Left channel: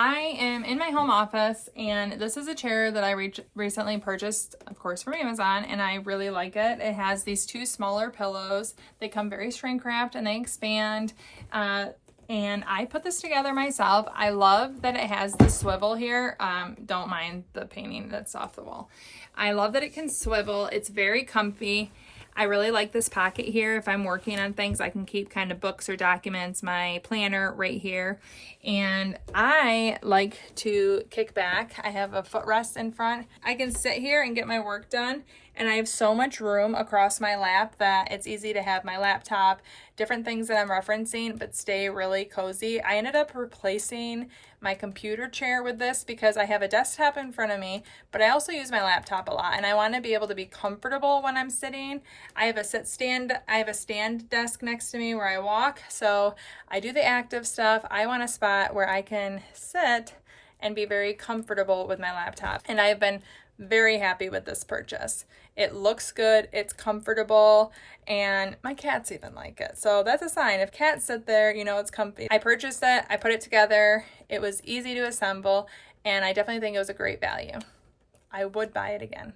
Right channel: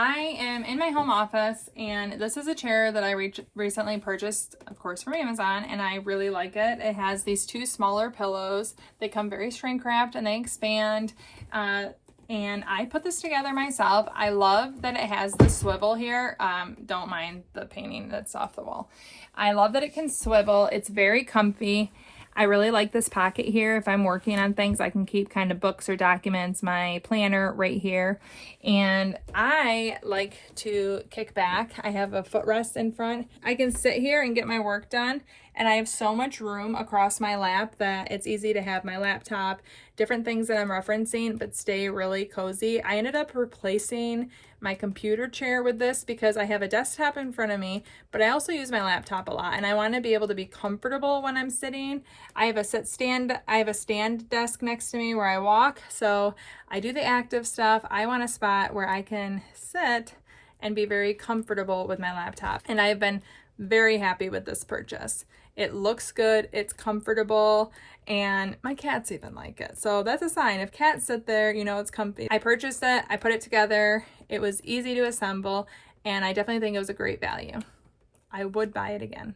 I am in my home office, and this is a chair that I recently purchased, of course, from Amazon, and I really like it. It has these two smaller pillows. They come very shrink wrapped and they expand. And I put this together myself. I love that it has the swivel here. Don't mind the painting that's off the wall. I love that it can swivel. It's very comfy. I really like this pocket here. If I'm working on things, I can keep kind of books or documents, my planner right here. And I like to kick back. I have a footrest in front. I can sit here and get my work done. And I have so much room across my lap that it's easy to have my laptop, different things that I'm referencing, but stay really cozy. I ended up replacing my computer chair with this because I have a desktop in front of me, but I also use my laptop a lot, and I want to be able to be comfortable when I'm sitting. I have a stand desk next to me where I walk, so I do the active stuff. I want a spot where I can sit and be very comfortable with my laptop, and I've been very happy with this purchase. It looks good, it's comfortable, and my cats even like it. So that's a sign. If cats sit there, you know it's comfy. I purchased it, I put it together, it was easy to assemble, and I definitely think it was a great value. I would buy it again.